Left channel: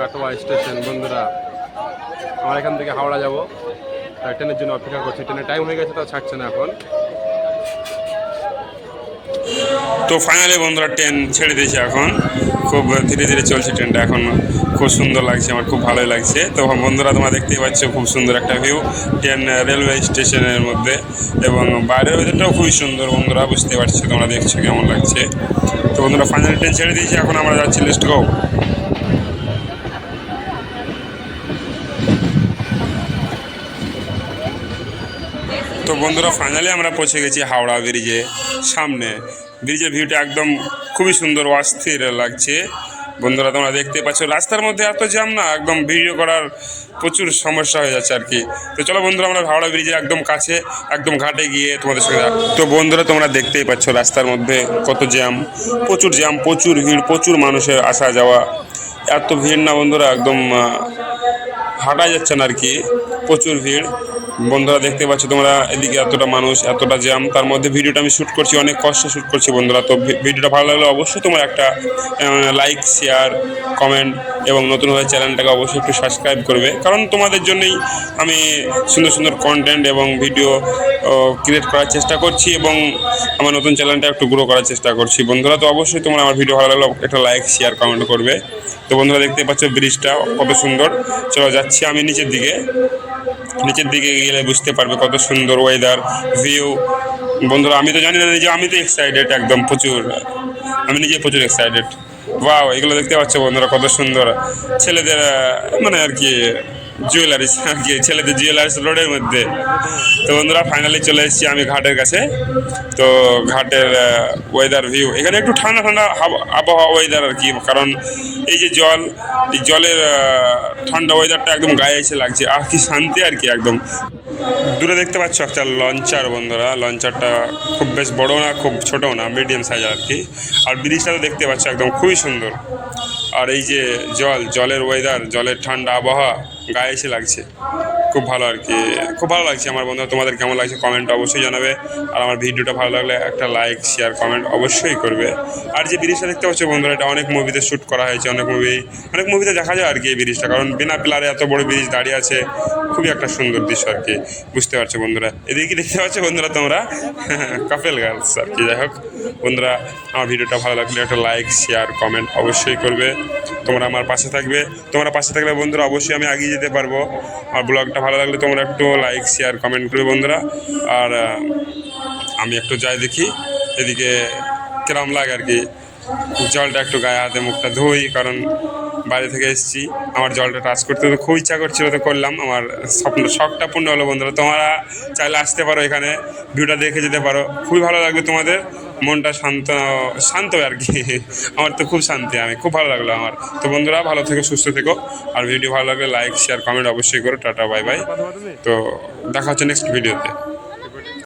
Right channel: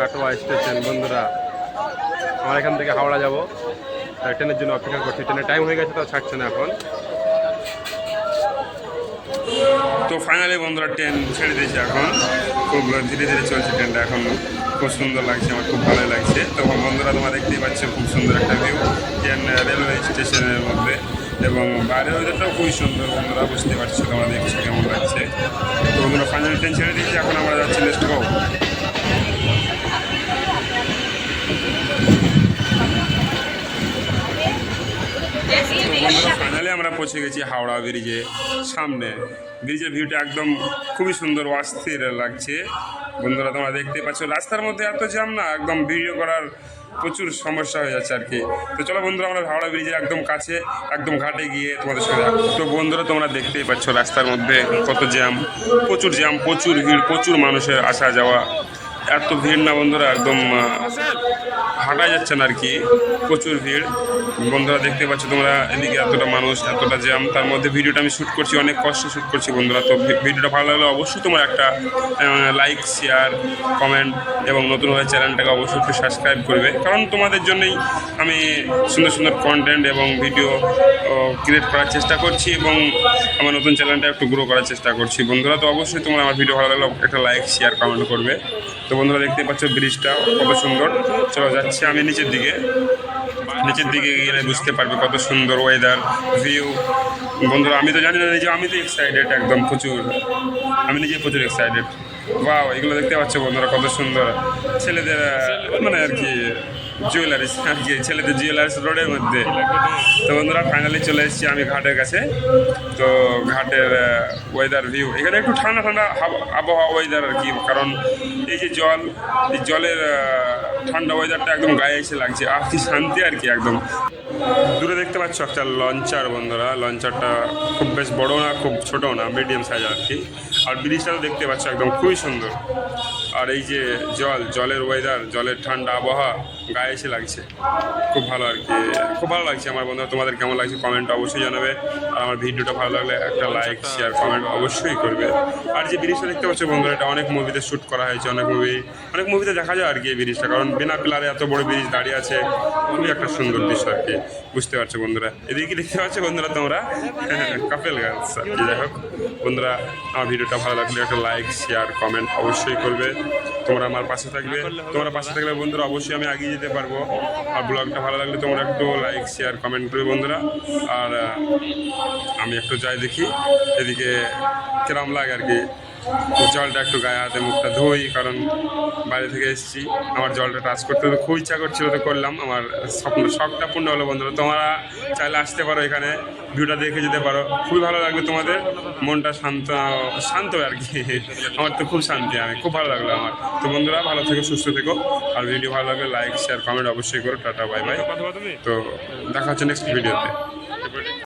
Katwa station. বন্ধুরা আমরা এখান থেকে হাওড়া যাব, ট্রেনের জন্য অপেক্ষা করছি। ট্রেনের টাইম হয়ে গেছে, তাও ছাড়ছে না এখন। তো ফাইনালি বন্ধুরা ট্রেন ছেড়ে দিয়েছে এখন, খুব ধীরে ধীরে চলছে ট্রেনটা এখন, খুব সুন্দর লাগছে, আমার খুব ভালোই লাগছে। তো বন্ধুরা তোমরা দেখতেই পাচ্ছ খুব সুন্দর একটা ভিউ ট্রেন রেলওয়ে স্টেশনের মধ্যে, এবং বাইরের ওয়েদারটাও খুবই সুন্দর। বন্ধুরা বুঝতে পারছো, তোমরা দেখছো কেমন লাগছে। তো বন্ধুরা ফাইনালি ট্রেন ছেড়ে দিয়েছে, এখন আমরা যাচ্ছি লেটস গো। তো বন্ধুরা ফাইনালি আমরা পৌঁছে গেছি হাওড়া ব্রিজে সামনে। ব্রিজের ভিউটা একদম খুবই সুন্দর, অস্থির লাগছে। বন্ধুরা তোমরা দেখতে পাচ্ছ রাস্তার মধ্যে এত জ্যাম না, একদম ভিডিও করার প্রচুর সমস্যা হয়ে যাচ্ছে আর কি। তো চলো বন্ধুরা আমরা হাওড়া ব্রিজের একদম কাছে, একদম ঘাটে গিয়ে তোমাদের সঙ্গে। তো বন্ধুরা তোমরা দেখতেই পাচ্ছ রাস্তার মধ্যে কত জ্যাম, প্রচুর ভিড়, প্রচুর মানুষের আসা যাওয়া। এত ভিড় না বন্ধুরা, একদম হাঁটা যাচ্ছে না আর কি, প্রচুর ভিড়। বন্ধুরা দেখতে পাচ্ছ তোমরা এদিকে এতটা মানুষ, এতটা জ্যাম, তার মধ্যে ভিডিওটা আমি শ্যুট করছি, অনেক কষ্টে শ্যুট করছি বন্ধুরা। তো ভিডিওটা ভালো লাগলে অবশ্যই তোমরা একটা লাইক, শেয়ার, কমেন্ট এবং নতুন হয়ে চ্যানেলটাকে অবশ্যই একটু সাবস্ক্রাইব করবে, কারণ তোমাদের জন্যই আমি সুন্দর সুন্দর কন্টেন্ট এবং ভিডিও ক্রিয়েট করার চেষ্টা করছি, এবং আমার নতুন চ্যানেলটা একটু গ্রো করার চেষ্টা করছি বন্ধুরা। তো অবশ্যই তোমরা আমার ভিডিও ভালো লাগলে একটা লাইক, শেয়ার, কমেন্ট করবে। তো বন্ধুরা দেখতে পাচ্ছ ব্রিজটা কত সুন্দর। চলো যাচ্ছি আমি নিচের দিকে গেলে বুঝতে পারবে কত সুন্দর ওয়েদার, ভিউ। বন্ধুরা আমি তো জানি না যে আমি তো এক্সাইটেড একদম প্রচুর, আমি নিজে প্রচুর এক্সাইটেড। ওয়াও, এগুলো দেখতে পাচ্ছ বন্ধুরা কত সুন্দর ছেলেদের মানে আর কি জুয়েলারিস আর কি, ছেলেদের জুয়েলারিস রোডের মধ্যে। তো বন্ধুরা ফাইনালি চলে এসেছি আমি ঘাটের কাছে। তো ঘাটের ওয়েদার ভিউ এখানে একটু ঠান্ডা ঠান্ডা আবহাওয়া ওয়েদার আর কি, কারণ এই যে জলের ঠান্ডা ওয়েদারটা একদম গায়ে এসে লাগছে, আর কি শান্তি আর কি একদম। দূরে দেখতে পাচ্ছ একটা লঞ্চার বন্ধুরা, লঞ্চারটা খুব বেশ বড়ো না, খুব ছোটও না, মিডিয়াম সাইজ আর কি। আর ব্রিজটা তো দেখতে পাচ্ছ একদম খুবই সুন্দর। আর এই যে জলের ওয়েদার, জলের ঠান্ডা আবহাওয়া গায়ে এসে লাগছে, খুব ভালো আর কি, খুব ভালো লাগছে আমার বন্ধুরা। তোমাদের কেমন লাগছে কমেন্ট অবশ্যই জানাবে, আর আমার ভিডিওটা ভালো লাগলে একটা লাইক, শেয়ার, কমেন্ট অবশ্যই করবে। আর যে ব্রিজটা দেখতে পাচ্ছ বন্ধুরা, এটা অনেক মুভিতে শ্যুট করা হয়েছে, অনেক মুভিতে দেখা যায় আর কি এই ব্রিজটা, কারণ বিনা পিলারে এত বড় ব্রিজ দাঁড়িয়ে আছে, খুবই একটা সুন্দর দৃশ্য আর কি, বুঝতে পারছো বন্ধুরা। এদিকে দেখতে পাচ্ছ বন্ধুরা তোমরা কাপেল গার্লস আর কি। যাই হোক বন্ধুরা, আমার ভিডিওটা ভালো লাগলে একটা লাইক, শেয়ার, কমেন্ট অবশ্যই করবে। তোমরা আমার পাশে থাকবে, তোমরা পাশে থাকলে বন্ধুরা অবশ্যই আমি এগিয়ে যেতে পারবো। আর ব্লগটা ভালো লাগলে তোমরা একটু লাইক, শেয়ার, কমেন্ট করবে বন্ধুরা। আর আমি একটু যাই দেখি এদিকে কিরম লাগে আর কি, জলটা একটু গায়ে হাতে মুখটা ধুই, কারণ বাইরে থেকে এসেছি, আমার জলটা টাচ করতে তো খুব ইচ্ছা করছিল, তো করলাম, আমার শখটা পূর্ণ হলো বন্ধুরা। তোমরা চাইলে আসতে পারো এখানে, ভিউটা দেখে যেতে পারো, খুবই ভালো লাগবে তোমাদের, মনটা শান্ত আর কি। আমার তো খুব শান্তি, আমি খুব ভালো লাগলো আমার। তো বন্ধুরা ভালো থেকো, সুস্থ থেকো, আর ভিডিও ভালো লাগলে লাইক, শেয়ার, কমেন্ট অবশ্যই করো। Tata, bye bye. তো দেখা হচ্ছে নেক্সট ভিডিওতে।